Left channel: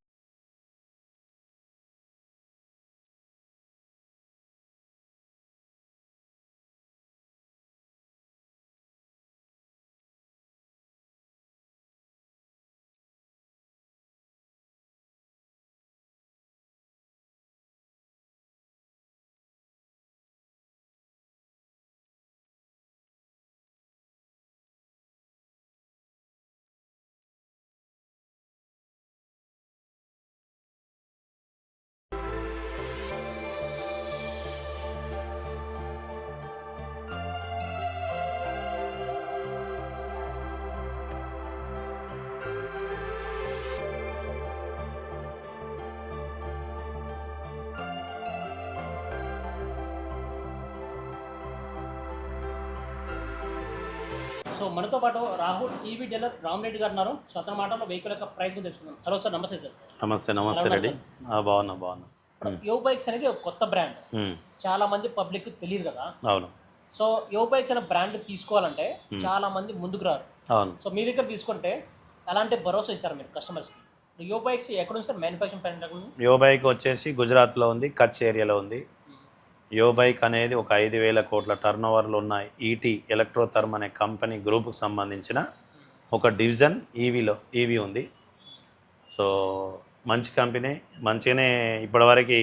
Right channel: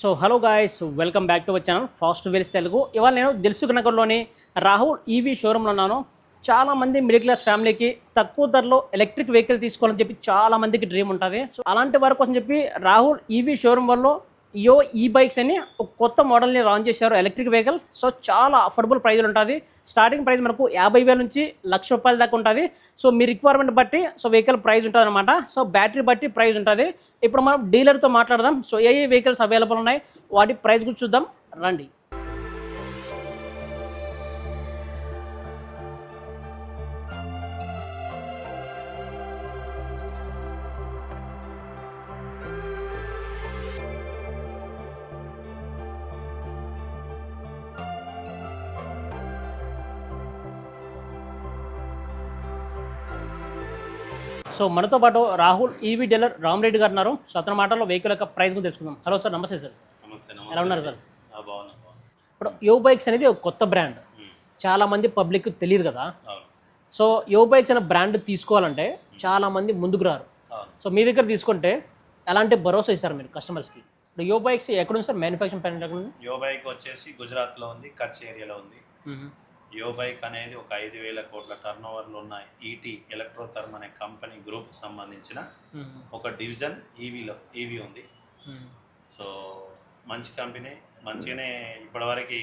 So hello guys welcome back to our channel fast wheels Telugu ఇవాళ నేను దిల్సుఖ్ నగర్లోని Rahul EV షోరూంలో ఉన్నాను. చాలా మంది మిడిల్ క్లాస్ ఫ్యామిలీకి తక్కువ ధరలో ఎలక్ట్రిక్ వెహికల్ తీసుకోవాలని చెప్పి చాలా మందికి డ్రీమ్ ఉంటుంది. సో అలాంటి వారి కోసం చెప్పి రాహుల్ ఈవీ షోరూమ్ వల్ల యో ఈ బైక్స్ అని ఒక కొత్త మోడల్ని లాంచ్ చేశారు ఎలక్ట్రిక్ వెహికల్ సో చాలా అఫోర్డబుల్ ప్రైజ్లు ఉంటుంది. స్టార్టింగ్ ప్రైస్ మనకు యాభై వేల నుంచి లక్ష రూపాయల దాకా ఉంటుంది. సో మీ రిక్వైర్మెంట్ బట్టి సో వెహికల్ ప్రైస్ ఉంటుంది అనమాట సో బ్యాటరీ బట్టి ప్రైస్ ఉంటుంది. ఇప్పుడు మనం డీలర్తో మాట్లాడదాం. సో ఏ ఏ వెహికల్స్ అవైలబుల్ ఉన్నాయి? వాటి ప్రైస్ గురించి చూద్దాం. రండి. సో మనతో పాటు రాహుల్ ఈవీ డీలర్ రామరెడ్డి గారు ఉన్నారు. సో అతని మాటల్లో వెహికల్ యొక్క ప్రైస్ గురించి తెలుసుకుందాం. హలో సార్ నమస్తే సార్. నమస్తే నమస్తే రెడ్డి. బాగున్నా బాగున్నా. ఇప్పుడు యో బైక్స్ అనేది ఒక కొత్త బ్రాండ్ చాలా మంది పబ్లిక్ తెలియదు కదా? అవును. సో యో బైక్స్ అనే బ్రాండ్ తీసుకోవాలంటే చాలా మంది ముందుకు రారు. అవును. సో మీ దగ్గర తీసుకుంటే ఎలాంటి భరోసా ఇస్తారు మీరు కస్టమర్స్కి యో బైక్స్ ఎక్కడ ఉంది సార్? మ్యానుఫ్యాక్చరింగ్ ఎక్కడ ఉంది యో బైక్ వచ్చేసి గుజరాత్లో ఉంది కచ్ ఏరియాలో ఉంది. యో బైక్ అనేది ఒక ఐదు వేల కోట్ల టర్న్ ఓవర్లు ఉన్న ఈటీ ఎలక్ట్రోథర్మ్ అనే కంపెనీ గ్రూప్కి సంబంధించిన ఒక డివిజన్ ఈవీలో ఈవీ ఉంది. సో మంచి కంపెనీ మంచిగానే ఇప్పటివరకు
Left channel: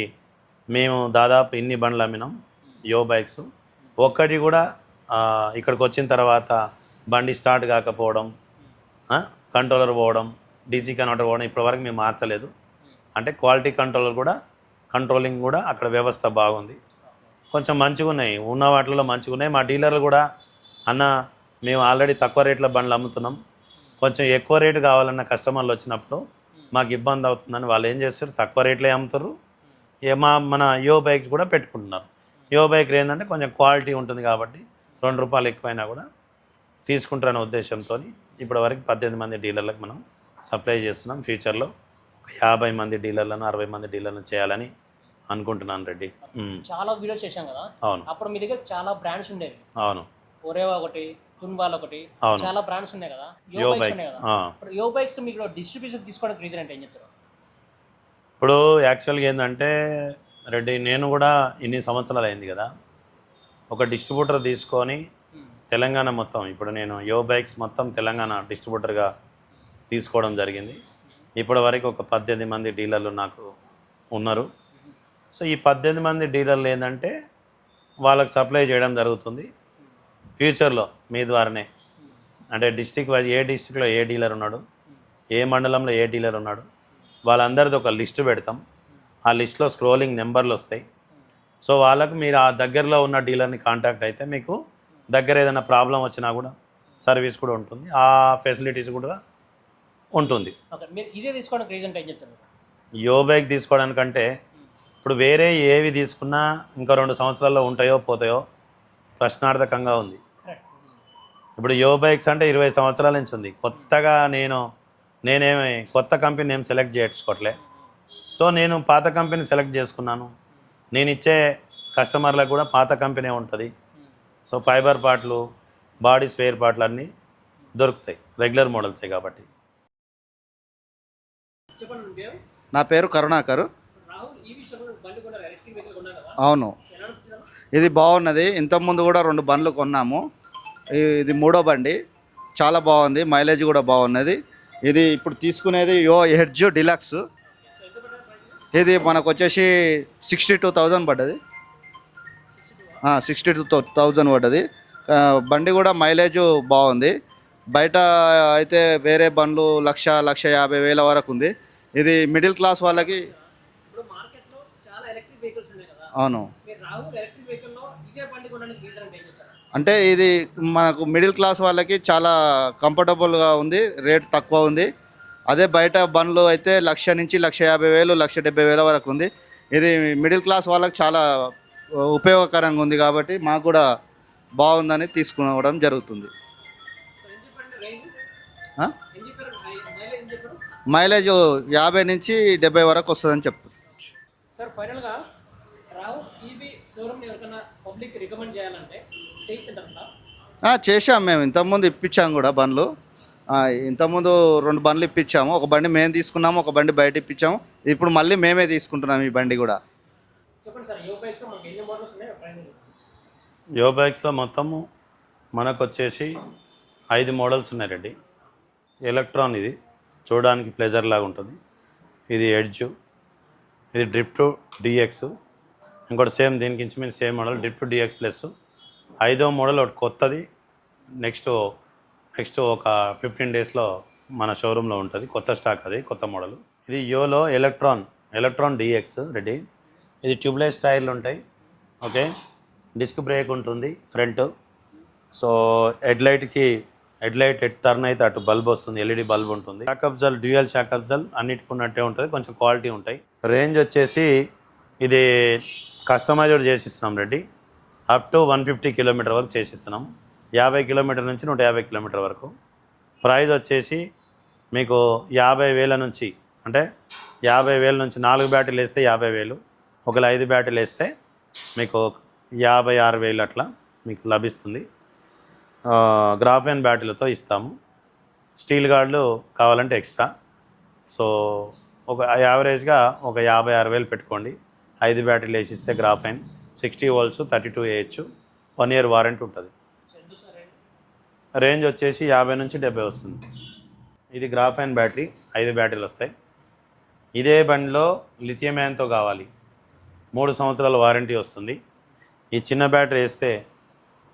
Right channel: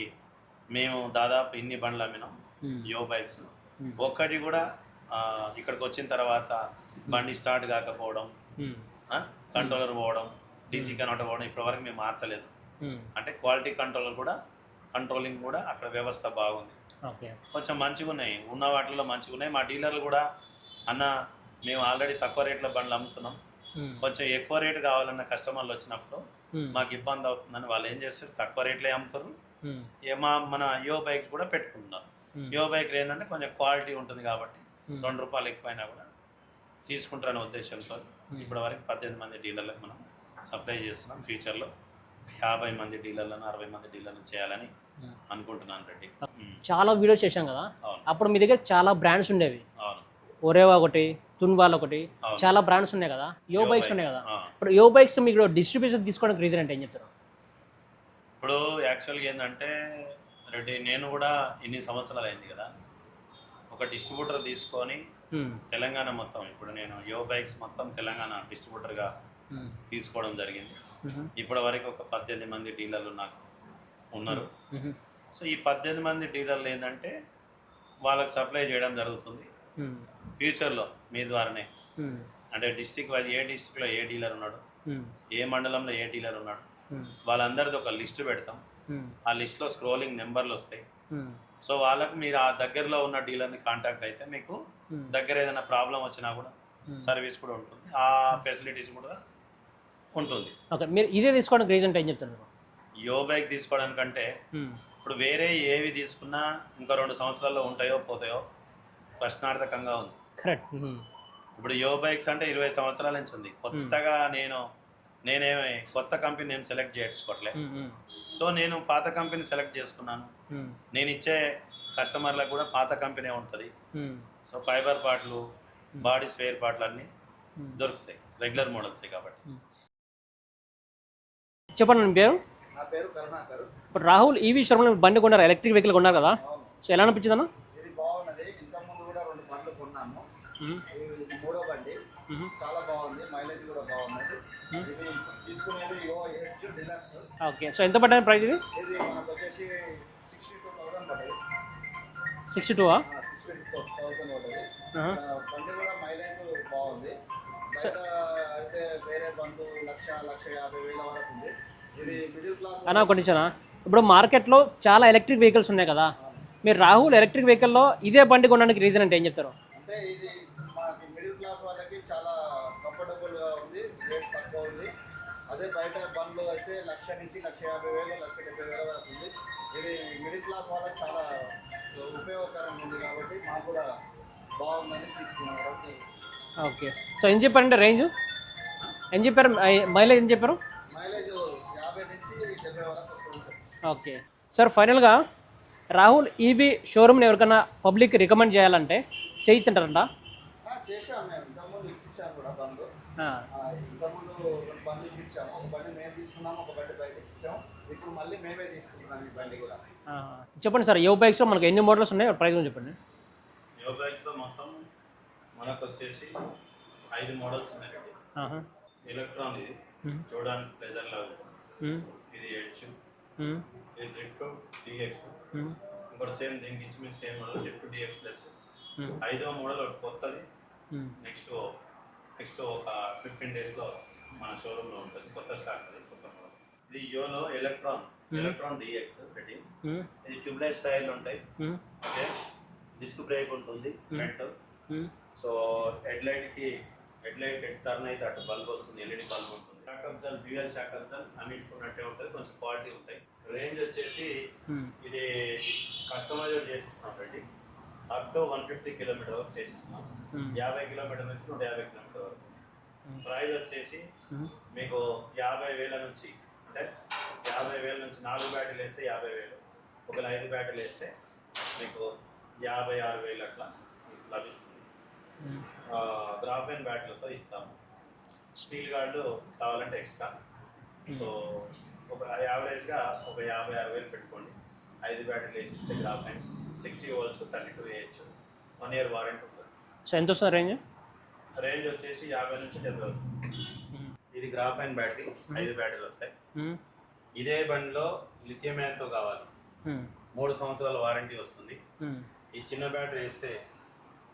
మేము దాదాపు ఇన్ని బండ్లు అమ్మినాం యో బైక్స్. ఒక్కటి కూడా ఇక్కడికి వచ్చిన తర్వాత బండి స్టార్ట్ కాకపోవడం కంట్రోలర్ పోవడం డీసీ కన్వర్టర్ పోవడం ఇప్పటివరకు మేము మార్చలేదు. అంటే క్వాలిటీ కంట్రోలర్ కూడా కంట్రోలింగ్ కూడా అక్కడ వ్యవస్థ బాగుంది. కొంచెం మంచిగా ఉన్నాయి ఉన్న వాటిలో మంచిగా ఉన్నాయి మా డీలర్లు కూడా అన్న మేము ఆల్రెడీ తక్కువ రేట్ల బండ్లు అమ్ముతున్నాం. కొంచెం ఎక్కువ రేటు కావాలన్న కస్టమర్లు వచ్చినప్పుడు మాకు ఇబ్బంది అవుతుందని వాళ్ళు ఏం చేస్తారు? తక్కువ రేట్లే అమ్ముతారు. ఏ మా మన యో బైక్ కూడా పెట్టుకుంటున్నారు. యో బైక్ ఏంటంటే కొంచెం క్వాలిటీ ఉంటుంది కాబట్టి రెండు రూపాయలు ఎక్కువైనా కూడా తీసుకుంటారనే ఉద్దేశంతో ఇప్పటి వరకు పద్దెనిమిది మంది డీలర్లకు మనం సప్లై చేస్తున్నాం. ఫ్యూచర్లో యాభై మంది డీలర్లను అరవై మంది డీలర్లను చేయాలని అనుకుంటున్నాను రెడ్డి. చాలా వీడియోస్ చేశాం కదా. అవును. అప్పుడు మీ దగ్గర చాలా బ్రాండ్స్ ఉండేవి. అవును. ఒరేవా ఒకటి తున్వాల్ ఒకటి చాలా బ్రాండ్స్ ఉన్నాయి కదా. యో బైక్స్ ఉన్నాయి కదా. ఇప్పుడు యో బైక్స్ మీకు డిస్ట్రిబ్యూషన్ తీసుకోవడానికి రీజన్ అంటే ఏం చెప్తారు? ఇప్పుడు యాక్చువల్గా ఏంటంటే రెడ్డి నేను కూడా ఇన్ని సంవత్సరాలు అయింది కదా. ఒక డిస్ట్రిబ్యూటర్ తీసుకొని తెలంగాణ మొత్తం ఇప్పుడు నేను యో బైక్స్ మొత్తం తెలంగాణ డిస్ట్రిబ్యూటర్గా తీసుకోవడం జరిగింది. ఇప్పటి వరకు ఒక పద్దెనిమిది మంది డీలర్లు నాకు ఉన్నారు. సో ఈ పద్దెనిమిది మంది డీలర్లు ఏంటంటే వాళ్ళకి సప్లై చేయడం జరుగుతుంది. ఫ్యూచర్లో మీ ద్వారానే. అంటే డిస్టిక్ వైజ్ ఏ డిస్టిక్లో ఏ డీలర్ ఉన్నాడు ఏ మండలంలో ఏ డీలర్ ఉన్నాడు వాళ్ళందరిది ఒక లిస్ట్ పెడతాం. ఆ లిస్ట్లో స్క్రోలింగ్ నెంబర్లు వస్తాయి. సో వాళ్ళకు మీరు ఆ దగ్గరలో ఉన్న డీలర్ని కాంటాక్ట్ అయితే మీకు దగ్గర ఏదైనా ప్రాబ్లం వచ్చినా కూడా సర్వీస్ కూడా ఉంటుంది. ఆ ఫెసిలిటీస్ కూడా ఉంటుంది. ఓకే. మీరు ఇదే తీసుకోవడానికి రీజన్ ఏం చెప్తున్నారు యో బైక్ తీసుకోవడానికంటే ఇప్పుడు వేరే ఏవి తీసుకున్నా ఇంకా రెండు సంవత్సరాల్లో ఉంటాయో పోతాయో ప్రశ్నార్థకంగా ఉంది. కరెక్ట్. ఇప్పుడు యో బైక్స్ అంటే ఇరవై సంవత్సరాల నుంచి ఉంది. కొత్తగా నేను నేనేమి కొత్త కంపెనీ ఏం సెలెక్ట్ చేసుకోవట్లే సో నేను పాత కంపెనీ సెలెక్ట్ చేసుకున్నాను. నేను ఇచ్చే కస్టమర్లకు కూడా పాత కంపెనీ ఉంటుంది. సో ఫైబర్ పార్ట్లు బాడీ స్పేర్ పార్ట్లు అన్నీ దొరుకుతాయి. రెగ్యులర్ మోడల్సే కాబట్టి. చెప్పండి పేరు? నా పేరు కరుణాకర్. రాహుల్ ఈవీ శర్మలో బండి కొన్నారు ఎలక్ట్రిక్ వెహికల్ కొన్నారు కదా? అవును. సో ఎలా అనిపించింది అన్న ఇది బాగున్నది. ఇంతకుముందు కూడా రెండు బండ్లు కొన్నాము. ఇది మూడో బండి. చాలా బాగుంది. మైలేజ్ కూడా బాగున్నది. ఇది ఇప్పుడు తీసుకునేది Yo Edge deluxe okay. So ఎంత ప్రైస్ ఇది? ఇది మనకు వచ్చేసి సిక్స్టీ టూ థౌజండ్ పడ్డది sixty two sixty two thousand పడ్డది. బండి కూడా మైలేజ్ బాగుంది. బయట అయితే వేరే బండ్లు లక్ష లక్ష యాభై వేల వరకు ఉంది. ఇది మిడిల్ క్లాస్ వాళ్ళకి ఇప్పుడు మార్కెట్లో చాలా ఎలక్ట్రిక్ వెహికల్స్ ఉన్నాయి కదా. అవును. మీరు రాహుల్ ఎలక్ట్రిక్ వెహికల్లో ఇదే బండి కొనడానికి రీజన్ అంటే ఏం చెప్తారు? అంటే ఇది మనకు మిడిల్ క్లాస్ వాళ్ళకి చాలా కంఫర్టబుల్గా ఉంది రేట్ తక్కువ ఉంది. అదే బయట బండ్లు అయితే లక్ష నుంచి లక్ష యాభై వేలు లక్ష డెబ్బై వేల వరకు ఉంది. ఇది మిడిల్ క్లాస్ వాళ్ళకి చాలా ఉపయోగకరంగా ఉంది కాబట్టి మాకు కూడా బాగుందని తీసుకోవడం జరుగుతుంది. ఓకే. సో ఏం చెప్పారంటే రేంజ్? ఏం చెప్పారు? మైలేజ్ ఏం చెప్పారు? మైలేజ్ యాభై నుంచి డెబ్బై వరకు వస్తుందని చెప్పు ఓకే. సార్ ఫైనల్గా రాహుల్ ఈవీ షోరూమ్ని ఎవరికైనా పబ్లిక్ రికమెండ్ చేయాలంటే చేయించంటారంట? ఆ, చేశాం మేము. ఇంతకుముందు ఇప్పించాం కూడా బండ్లు. ఇంతకుముందు రెండు బండ్లు ఇప్పించాము. ఒక బండి మేము తీసుకున్నాము ఒక బండి బయట ఇప్పించాము. ఇప్పుడు మళ్ళీ మేమే తీసుకుంటున్నాం ఈ బండి కూడా. చెప్పండి సార్ యో బైక్స్లో మనకి ఎన్ని మోడల్స్ ఉన్నాయి? ప్రైస్ చెప్పండి. యో బైక్స్లో మొత్తము మనకు వచ్చేసి ఐదు మోడల్స్ ఉన్నాయి రెడ్డి. ఎలక్ట్రాన్ ఇది. చూడడానికి ప్లెజర్ లాగా ఉంటుంది. ఇది ఎడ్జ్. ఇది డ్రిప్ టు డిఎక్స్ ఇంకోటి సేమ్ దీనికి ఇంచుమించు same model Drift two DX plus ఐదో మోడల్ ఒకటి కొత్తది. ఉమ్, నెక్స్ట్ నెక్స్ట్ ఒక ఫిఫ్టీన్ డేస్లో మన షోరూంలో ఉంటుంది. కొత్త స్టాక్ అది కొత్త మోడల్. ఇది Yolo electron electron DX ready. Um, ఇది ట్యూబ్లెస్ టైర్లు ఉంటాయి. Um, okay? డిస్క్ బ్రేక్ ఉంటుంది ఫ్రంట్ సో హెడ్ లైట్కి హెడ్లైట్ ఎట్ టర్న్ అయితే అటు బల్బ్ వస్తుంది ఎల్ఈడి బల్బ్ ఉంటుంది. చాకప్ జల్ డ్యూయల్ షాకప్ జల్ అన్నిటికి ఉన్నట్టే ఉంటుంది కొంచెం క్వాలిటీ ఉంటాయి. రేంజ్ వచ్చేసి ఇది customized చేసిస్తున్నాం Reddy. Up to one fifty kilometre వరకు చేసిస్తున్నాం. యాభై కిలోమీటర్ నుంచి నూట యాభై కిలోమీటర్ వరకు. ప్రైజ్ వచ్చేసి మీకు యాభై వేల నుంచి అంటే యాభై వేల నుంచి నాలుగు బ్యాటరీలు వేస్తే యాభై వేలు ఒకవేళ ఐదు బ్యాటరీలు వేస్తే మీకు యాభై ఆరు వేలు అట్లా మీకు లభిస్తుంది. గ్రాఫెన్ బ్యాటరీలతో ఇస్తాము. స్టీల్ గార్డులు కావాలంటే ఎక్స్ట్రా. సో ఒక యావరేజ్గా ఒక యాభై ఆరు వేలు పెట్టుకోండి. ఐదు బ్యాటరీలు వేసి ఇస్తే graphene. Sixty volts thirty two వేయచ్చు వన్ ఇయర్ వారంటీ ఉంటుంది. సో ఎంత వస్తుంది రేంజ్? రేంజ్ వచ్చేసి యాభై నుంచి డెబ్బై వస్తుంది. ఇది గ్రాఫైన్ బ్యాటరీ ఐదు బ్యాటరీలు వస్తాయి. ఇదే బండిలో లిథియం అయాన్తో కావాలి మూడు సంవత్సరాల వారంటీ వస్తుంది. ఈ చిన్న బ్యాటరీ వేస్తే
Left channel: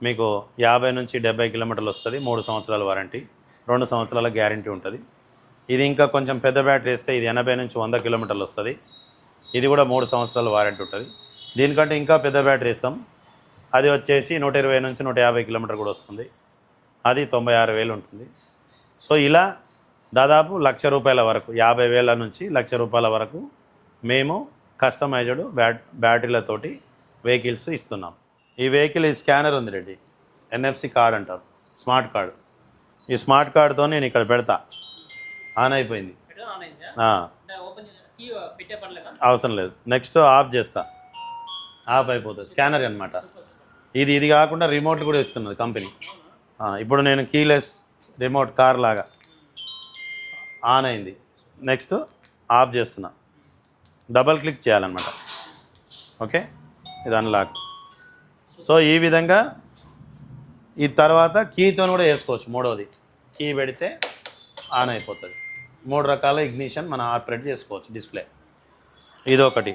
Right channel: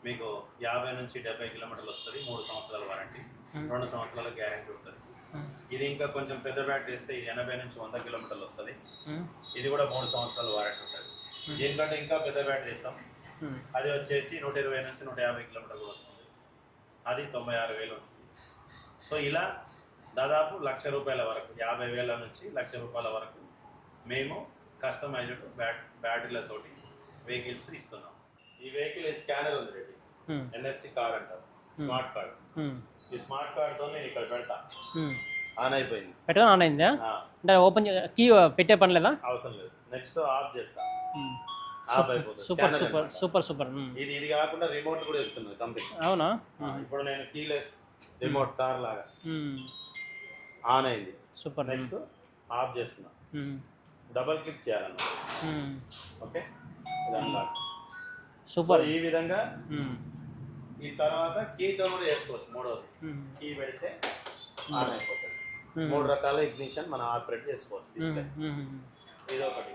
మీకు యాభై నుంచి డెబ్బై కిలోమీటర్లు వస్తుంది మూడు సంవత్సరాల వారంటీ. రెండు సంవత్సరాల గ్యారంటీ ఉంటుంది. ఇది ఇంకా కొంచెం పెద్ద బ్యాటరీ వేస్తే ఇది ఎనభై నుంచి వంద కిలోమీటర్లు వస్తుంది. ఇది కూడా మూడు సంవత్సరాల వారంటీ ఉంటుంది. దీనికంటే ఇంకా పెద్ద బ్యాటరీ ఇస్తాం అది వచ్చేసి నూట ఇరవై నుంచి నూట యాభై కిలోమీటర్ కూడా వస్తుంది. అది తొంభై ఆరు వేలు ఉంటుంది. సో ఇలా దాదాపు లక్ష రూపాయల వరకు యాభై వేల నుంచి లక్ష రూపాయల వరకు మేము కస్టమైజ్డ్ బ్యాట్ బ్యాటరీలతోటి వెహికల్స్ ఇస్తున్నాం. ఈ వెహికల్ ఈ స్కానర్ ఉంది రెడ్డి. ఎన్ఎఫ్సి కార్డ్ అంటారు. Smart card. ఈ స్మార్ట్ కార్డ్తో నేను ఇక్కడ పెడతా. ఆన్ అయిపోయింది. ఆన్ అయిందా? అంటే ఓపెన్ కీ పెట్టే పని లేదా? అవసరం లేదు. నెక్స్ట్ ఆఫ్ చేస్తా. ఆఫ్ అయిపోతుంది. స్కానర్ అనమాట సూపర్ సూపర్. ఇది ఇది కాకుండా రిమోట్ కూడా ఇస్తున్నది కంపెనీ. అవునా? ఇప్పుడు నేను కీలెస్ రిమోట్ కార్ లాగా ఆన్ అయింది. సూపర్ నెక్స్ట్ ఆఫ్ చేస్తున్నా. డబల్ క్లిక్ చేయాలన్నమాట. ఓకే? ఇది అన్లాక్ సో ఈ విధంగా ఈ తర్వాత కీతో కూడా వేసుకోవచ్చు మూడవది. కీ పెడితే ఆన్ అయిపోతుంది. మూడు రకాల ఇగ్నిషన్ మనం ఆపరేట్ చేసుకోవచ్చు డిస్ప్లే. ఉమ్, ఉమ్, ఇది ఒకటి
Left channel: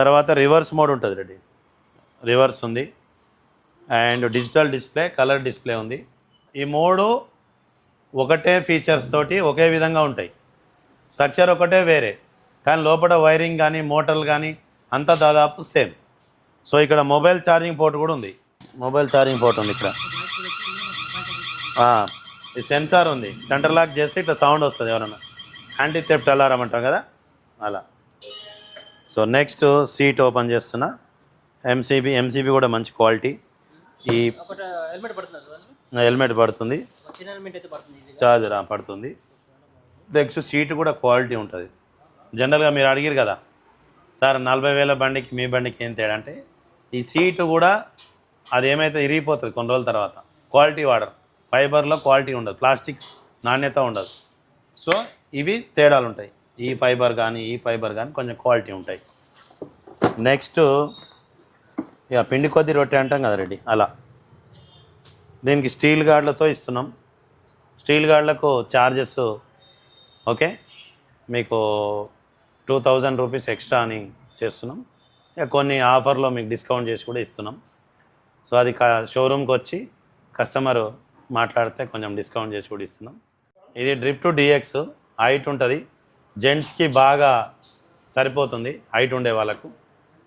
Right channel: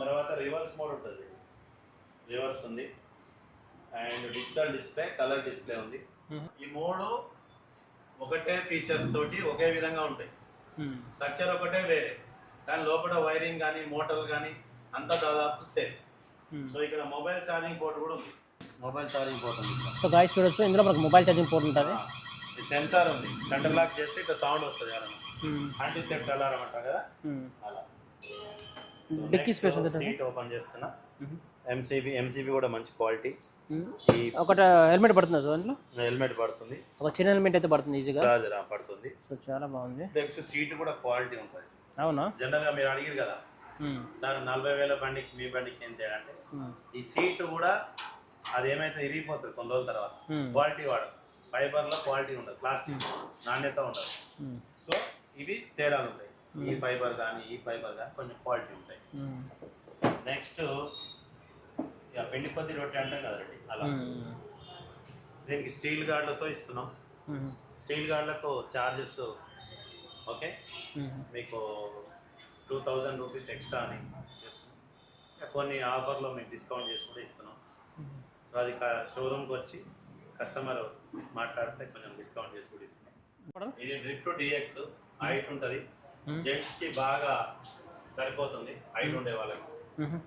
తర్వాత రివర్స్ మోడ్ ఉంటుంది రెడీ. రివర్స్ ఉంది. And digital display colour display ఉంది. ఈ మూడు ఒకటే ఫీచర్స్ తోటి ఒకే విధంగా ఉంటాయి. స్ట్రక్చర్ ఒకటే వేరే. కానీ లోపల వైరింగ్ కానీ మోటార్లు కానీ అంతా దాదాపు సేమ్. సో ఇక్కడ మొబైల్ ఛార్జింగ్ పోర్ట్ కూడా ఉంది. మొబైల్ ఛార్జింగ్ పోర్ట్ ఉంది ఇక్కడ. సో గాయస్ చూడొచ్చు. ఇందులో మనకు మొబైల్ ఛార్జింగ్ పోర్ట్ ఈ సెన్సార్ ఉంది. సెంటర్ లాక్ చేస్తే ఇట్లా సౌండ్ వస్తుంది ఎవరన్నా. యాంటీ థెఫ్ట్ అలారం అంటాం కదా? ఉమ్, అలా. సో నెక్స్ట్ సీట్ ఓపెన్ చేస్తున్నా. ఎంసీబీ ఎంసీబీ కూడా మంచి క్వాలిటీ. ఈ ఒకటి హెల్మెట్ పడుతుంది సార్ హెల్మెట్ పడుతుంది. ఒక చిన్న హెల్మెట్ అయితే పడుతుంది ఈజీగా చార్జర్ పడుతుంది. సో చాలా బాగుంది. నెక్స్ట్ సీట్ కూడా క్వాలిటీ ఉంటుంది. అవునా? జనరల్గా మీరు అడిగారు కదా. సార్ నలభై వేల బండికి మీ బండికి ఏం తేడా అంటే ఈ సీటు కూడా అది ఏమైతే ఇరిగిపోతుంది కొన్ని రోజుల తర్వాత. క్వాలిటీ వాడరు. ఫైబర్లో క్వాలిటీ ఉండదు ప్లాస్టిక్ నాణ్యత ఉండదు. సో ఇవి తేడాలు ఉంటాయి. ఈ ఫైబర్ కానీ ఈ ఫైబర్ కానీ కొంచెం క్వాలిటీ ఉంటాయి. నెక్స్ట్ ఇక పిండి కొద్ది రొట్టె అంటాం కదా రెడ్డి అలా. దీనికి స్టీల్ గార్డులతో ఇస్తున్నాం. స్టీల్ గార్డులకు చార్జెస్ ఓకే? మీకు టూ థౌజండ్ రూపీస్ ఎక్స్ట్రా అని చేస్తున్నాం. ఇక కొన్ని ఆఫర్లో మీకు డిస్కౌంట్ చేసి కూడా ఇస్తున్నాం. సో అది కా షోరూమ్కి వచ్చి కస్టమర్ మాట్లాడితే కొంచెం డిస్కౌంట్ చేసి కూడా ఇస్తున్నాం. ఇది డ్రిప్ టు డిఎక్స్ హైట్ ఉంటుంది. జెంట్స్కి బాగా సరిపోతుంది హైట్ ఉండే వాళ్ళకు. ఉమ్,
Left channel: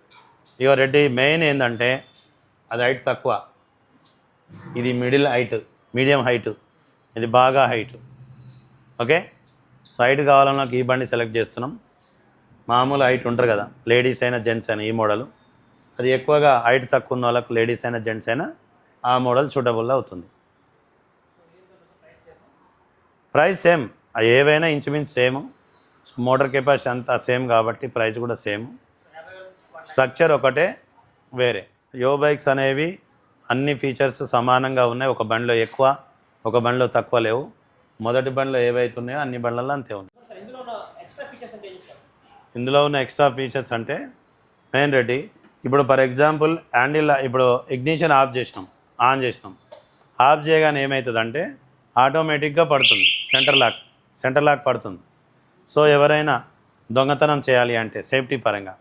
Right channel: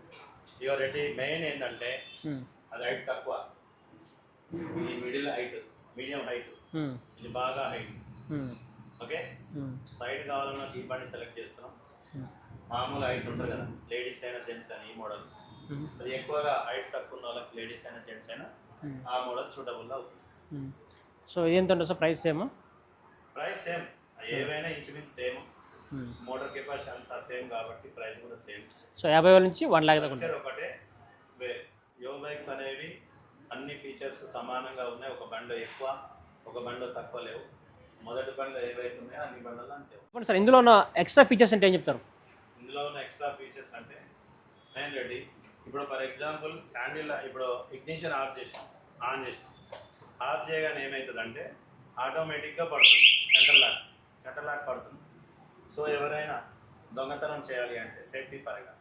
ఇక రెడ్డి మెయిన్ ఏంటంటే అది హైట్ తక్కువ. ఇది మిడిల్ హైట్ మీడియం హైట్. ఇది బాగా హైట్. ఓకే? సో హైట్ కావాలన్నా ఈ బండి సెలెక్ట్ చేస్తున్నాం. మామూలు హైట్ ఉంటారు కదా లేడీస్ అయినా జెంట్స్ అయినా ఈ మోడల్ అది ఎక్కువగా హైట్ తక్కువ ఉన్న వాళ్ళకు లేడీస్ అయినా జెంట్స్ అయినా ఆ మోడల్ సూటబుల్ అవుతుంది. సో ఎంత ఉంటుంది సార్ ప్రైస్ ఏమో ప్రైస్ సేమ్ ఏవైనా ఇంచుమించు సేమ్ మోటార్ కెపాసిటీ అంతా సేమ్ కాబట్టి ప్రైస్ కూడా సేమ్ సో యాభై వేల నుంచి వన్ స్ట్రక్చర్ ఒకటే వేరే. యో బైక్స్ అనేవి అన్ని ఫీచర్స్ సమానంగా ఉన్నాయి. ఒక బండిలో ఎక్కువ ఒక బండిలో తక్కువ లేవు. మొదటి బండిలో ఏవైతే ఉన్నాయో అన్ని బండ్లలో అంతే ఉన్నాయి. సార్ ఇందులో ఉన్న ఎక్స్ట్రా ఫీచర్స్ అంటే ఏం చెప్తారు? ఇందులో ఉన్న ఎక్స్ట్రా ఫీచర్స్ అంటే మెయిన్ రెడ్డి ఇప్పుడు ఫర్ ఎగ్జాంపుల్ హ్యాండిల్ ఇప్పుడు ఇగ్నిషన్ ఆఫ్ చేసినాం ఆన్ చేసినాం. ఆఫ్ చేయగానే ఏమవుతుందంటే ఆటోమేటిక్గా పడుతుంది సెంటర్ లాక్ సెంటర్ లాక్ పడుతుంది. సో ఎవరైనా దొంగతనం చేయాలి అంటే సేఫ్టీ పరంగా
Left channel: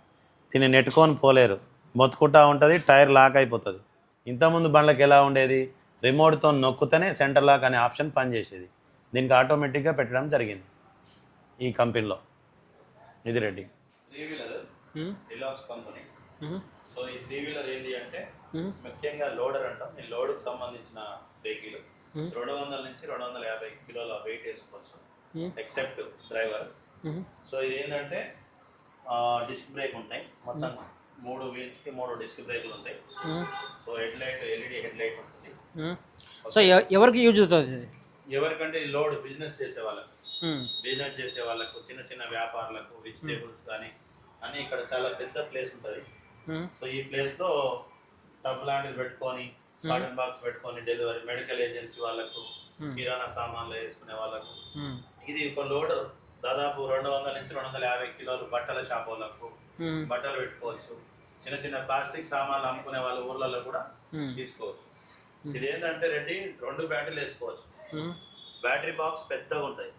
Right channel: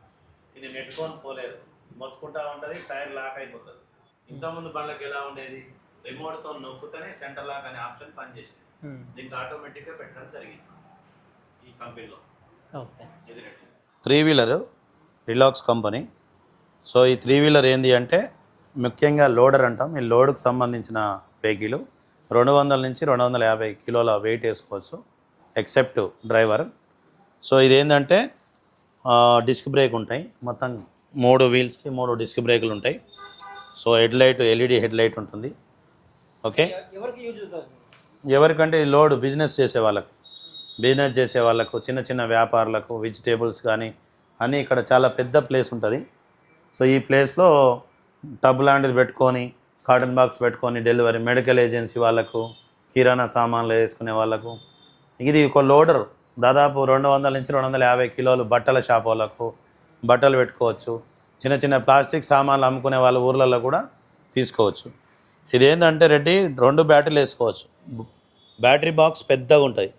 దీన్ని నెట్టుకొని పోలేరు. మొత్తుకుంటా ఉంటుంది టైర్ లాక్ అయిపోతుంది. ఇంతకుముందు బండ్లకు ఎలా ఉండేది? రిమోట్తో నొక్కుతేనే సెంటర్ లాక్ అనే ఆప్షన్ పనిచేసేది. దీనికి ఆటోమేటిక్గా పెట్టడం జరిగింది ఈ కంపెనీలో. ఇది Reddy three wheeler relax company. So ఈ త్రీ వీలర్ ఏంది అంటే ముఖ్యంగా లోడర్ అంటాం. ఈ లోడ్కి సంబంధించిన వెహికల్ రెండు వందల నుంచి రెండు వందల యాభై కిలోల వెయిట్ వేసుకోవచ్చు ఎక్సెప్ట్ డ్రైవర్. సో ఇది ఏంటంటే డిస్క్ బ్రేక్ ఉంటాయి. మొత్తం మూడు వీల్స్కి మూడు డిస్క్ బ్రేకులు ఉంటాయి. So head light LED head light ఉంటుంది. ఓకే? ఎవరికి యూజ్ అవుతుంది ఎవరికంటే ఈ లోడ్ బిజినెస్ చేసే వాళ్ళకు. బిజినెస్ చేసే వాళ్ళకు చిన్న చిన్న వ్యాపారులకు వెజిటేబుల్స్ కానీ అన్నీ ఇక్కడ చాలా పెద్ద ప్లేస్ ఉంటుంది. సో ఈ ప్లేస్లో టబ్ లాంటిది పెట్టుకొని కాటన్ బాక్స్ పెట్టుకొని డెలివరీ మెడికల్ ఏజెన్సీ వాళ్ళకు కిరాణా సామాన్లు వేసుకునే వాళ్ళకు. ఇది ఒక లోడర్. దాదాపు రెండు వందల నుంచి రెండు వందల యాభై కిలోలు బట్టల షాప్ వాళ్ళకు బట్టలు పెట్టుకోవచ్చు. చిన్న చిన్న ప్లాస్టిక్ సామాన్లు అమ్ముకునే వాళ్ళ ఊర్లలో కూడా తీసుకోవచ్చు. ఇది ఏంటంటే రెడ్డి రెండు బ్యాటరీలు వేసుకోవచ్చు. బ్యాటరీ బాక్స్ పెద్దగా ఉంటుంది.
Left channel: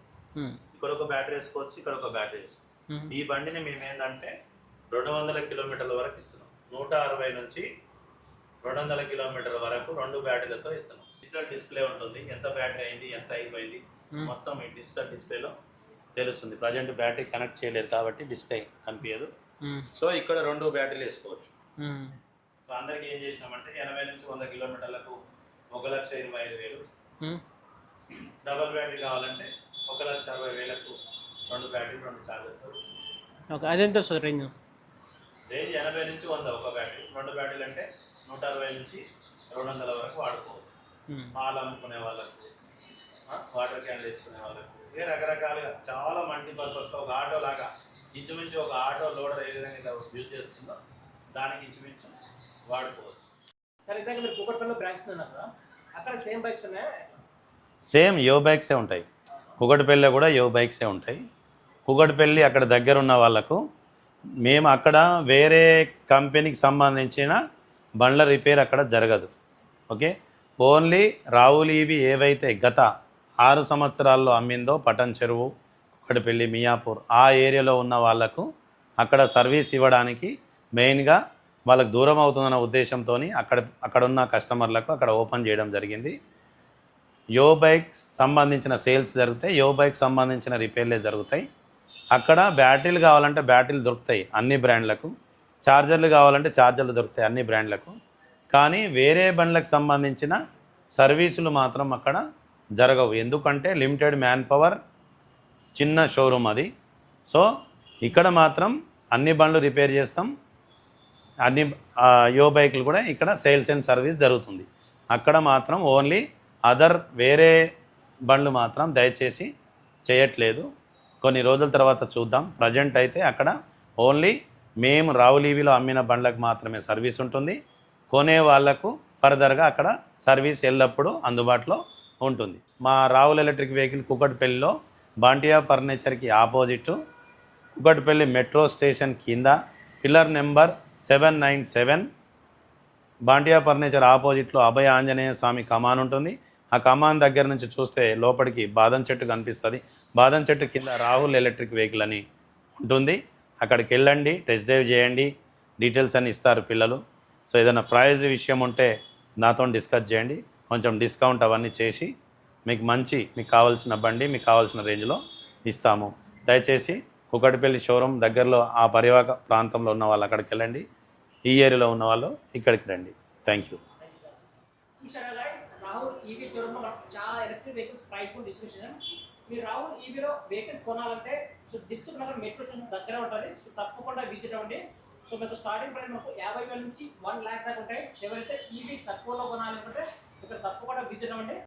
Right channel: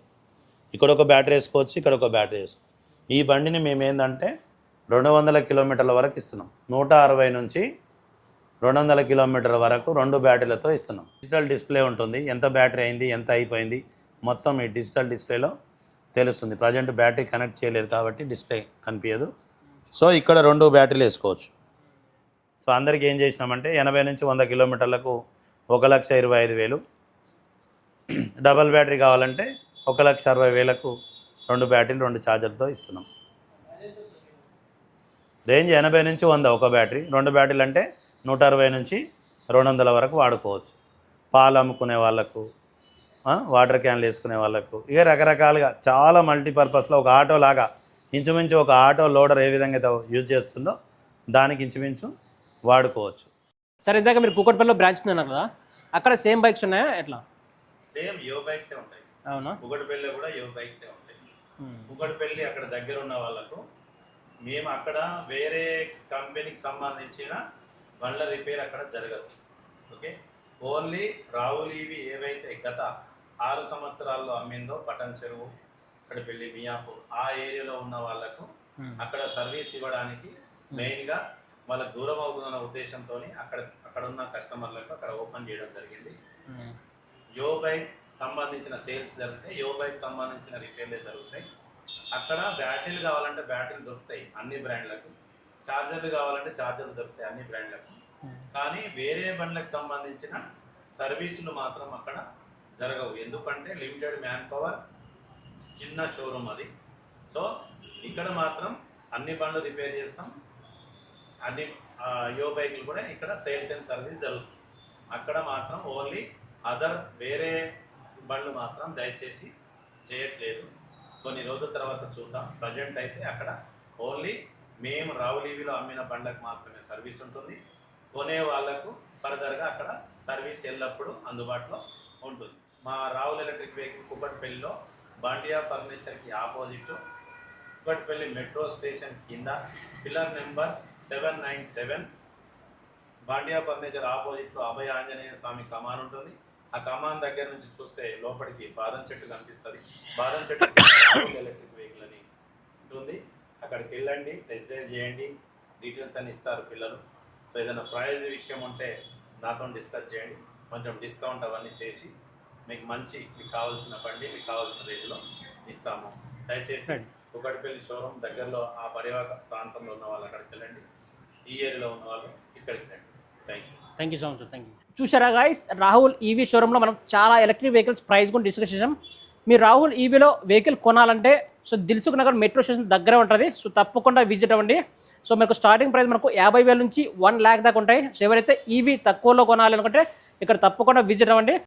ఇక్కడ ఒక బ్యాటరీ వేసుకోవచ్చు ఇక్కడ ఒక బ్యాటరీ వేసుకోవచ్చు ఈ బండిని మేము ఏంటంటే రెండు వందల కిలోమీటర్ల వరకు ఇస్తున్నాం. నూట అరవై నుంచి రెండు వందల కిలోమీటర్ల వరకు రెండు బ్యాటరీలతో ఇస్తున్నాం. డిజిటల్ డిస్ప్లే ఉంటుంది. ఎంత బ్యాటరీ అయింది ఎంత అయిపోయింది మొత్తం ఈ డిజిటల్ డిస్ప్లేలో తెలుస్తుంది. ప్రజెంట్ బ్యాటరీ కనెక్ట్ చేయలేదు కాబట్టి డిస్ప్లే కనిపించదు. సో ఇక్కడ రెండు బ్యాటరీలు వేసుకోవచ్చు. సో అందరికి ఏం చేసినామంటే ఎనభై నుంచి వంద కిలోమీటర్లకు ఒక లక్ష ఇరవై ఐదు వేలు డబల్ బ్యాటరీ కావాలంటే ఒక లక్ష అరవై వేలకు రెండు బ్యాటరీలు రెండు ఛార్జర్తో ఇస్తున్నాం. అదెంత రేంజ్? రేంజ్ ఎనభై నుంచి వంద ఒక బ్యాటరీ. రెండు బ్యాటరీలు అంటే నూట అరవై నుంచి రెండు వందల వరకు వాడుకోవచ్చు. పాలు అమ్ముకునే వాళ్ళకు వాటర్ క్యాన్లు వేసుకునే వాళ్ళకు. ఇక రకరకాలుగా చాలా మల్టీపర్పస్లో ఒక ఆటో లాగా ఇంచుమించు ఒక ఆటో లోడర్ ఏ విధంగా అయితే యూజ్ చేస్తుందో దానికి ఇంచుమించు వాడుకోవచ్చు. సరే ఇందాక మీరు కూకట్పల్లిలో బ్రాంచ్ ఉందన్నారు కదా అక్కడ సేమ్ బైక్స్ ఉన్నాయా ఎట్లా? సేమ్ యో బైక్సే ఉంటాయి. కుగటిపల్లిలో కూడా యో బైక్సే ఉంటాయి. కుగటిపల్లి అక్కడ దగ్గర ఉన్న వాళ్ళకు మేము అక్కడ వేరే కంపెనీకి సంబంధించిన బండ్ల రిపేర్ అక్కడ జరగదు. ఓకే? ఓన్లీ రావులు ఇవి ఏవైతే గత ఆరు సంవత్సరాల్లో అమ్మిందో పటన్ చెరువు కుక్కటిపల్లి మియాపూర్ ఆ ఏరియాలో ఉన్న వాళ్ళకు అక్కడ సర్వీస్ ఇవ్వడానికి మెయిన్గా వాళ్ళకి దూరం అవుతుందన్న ఉద్దేశంతో అక్కడ అక్కడ ఉన్న కస్టమర్లకు అక్కడ ఓపెన్ చేయడం జరిగింది. యో బైక్ సంబంధించిన సేల్స్ జరుగుతాయి యో బైక్ సంబంధించిన రిపేర్లే జరుగుతాయి. అక్కడ బ్యాటరీలు కావాలంటే బ్యాటరీలు దొరుకుతాయి అన్ని బ్రాండ్లకు. ఛార్జర్లు కావాలంటే ఛార్జర్లు దొరుకుతాయి అన్ని బ్రాండ్లకు. కానీ వేరే బండ్లకు సంబంధించిన సర్వీసులు మాత్రం అక్కడ జరగవు. ఎందుకంటే లిమిటెడ్ మ్యాన్ పవర్ చిన్న షోరూమ్ అది. సో ఇక్కడ మాత్రం అన్ని బండ్లు రిపేర్ చేస్తాం. అన్ని యో బైకులు కూడా ఇక్కడ సేల్స్ అండ్ సర్వీస్ జరుగుతుంది. అక్కడ మాత్రం ఓన్లీ అదర్ వేరే బండ్లు మాత్రం దయచేసి చేయట్లేదు. కొన్ని రోజుల తర్వాత చూద్దాం. ప్రజెంట్ అయితే అక్కడ ఓన్లీ మేము రావులీవిలో అమ్మిన బండ్లకు మాత్రమే సర్వీస్ ఉంటుంది. కొనే వాళ్ళకు ఫర్దర్గా అక్కడ సర్వీస్ ఎల్లప్పుడూ అందుబాటులో ఉంటుంది. మా రావుల ఎలక్ట్రిక్ వెహికల్ కుకట్పల్లిలో బాంటియా ఫర్నిచర్కి ఆపోజిట్ కుకట్పల్లి మెట్రో స్టేషన్ కింద pillar number seven nine seven Bantia furniture ఆపోజిట్లో అభయ ఆంజనేయ స్వామి కమాన్ ఉంటుంది. ఆ కమాన్ దగ్గర నుంచి చూస్తే లోపలికి బాదం చెట్టు కనిపిస్తుంది. బాదం చెట్టు కింద రాహుల్ ఎలక్ట్రిక్ వెహికల్ అని ఉంటుంది. అక్కడికి వెళ్ళండి టెస్ట్ డ్రైవ్ చేయండి డీటెయిల్స్ అని ఇస్తారు పిల్లలు. సో ఏదైనా ప్రైజ్ విషయం ఉంటే నాతో డిస్కస్ చేయండి. కొంచెం డిస్కౌంట్ అవన్నీ చేసి మీకు మంచి మీకు కావాల్సిన బండి మీకు కావాల్సిన రేంజ్లో ఇస్తాము. దయచేసి కుకటిపల్లి షోరూమ్ దగ్గరలో ఆ పరివాహక ప్రాంతంలో ఉన్న వాళ్ళు అక్కడికి వెళ్ళండి. ఈ ఏరియాలో ఉన్న వాళ్ళు ఇక్కడికి రండి. Thank you. Thank you so much thank you. చూసారా గాయస్ రాహుల్ ఈవీ షోరూంలో మనం చాలా ఎలక్ట్రిక్ వెహికల్స్ ప్రైస్ కూడా డిస్కస్ చేసాం మీరు రాహుల్ ఈవీలో వెహికల్ కొనాలంటే so Dilsukh Nagar metro station దగ్గర ఉంటుంది. సో తప్పకుండా విజిట్ అవ్వండి. సో మీకు స్టార్టింగ్ ప్రైస్ మనకు యాభై వేల నుంచి వన్ ల్యాక్ దాకా ఉంటాయి. సో ఎవరైతే ఈవీ తక్కువలో కొనాలి అనుకుంటే ఇక్కడ తప్పకుండా విజిట్ అవ్వండి.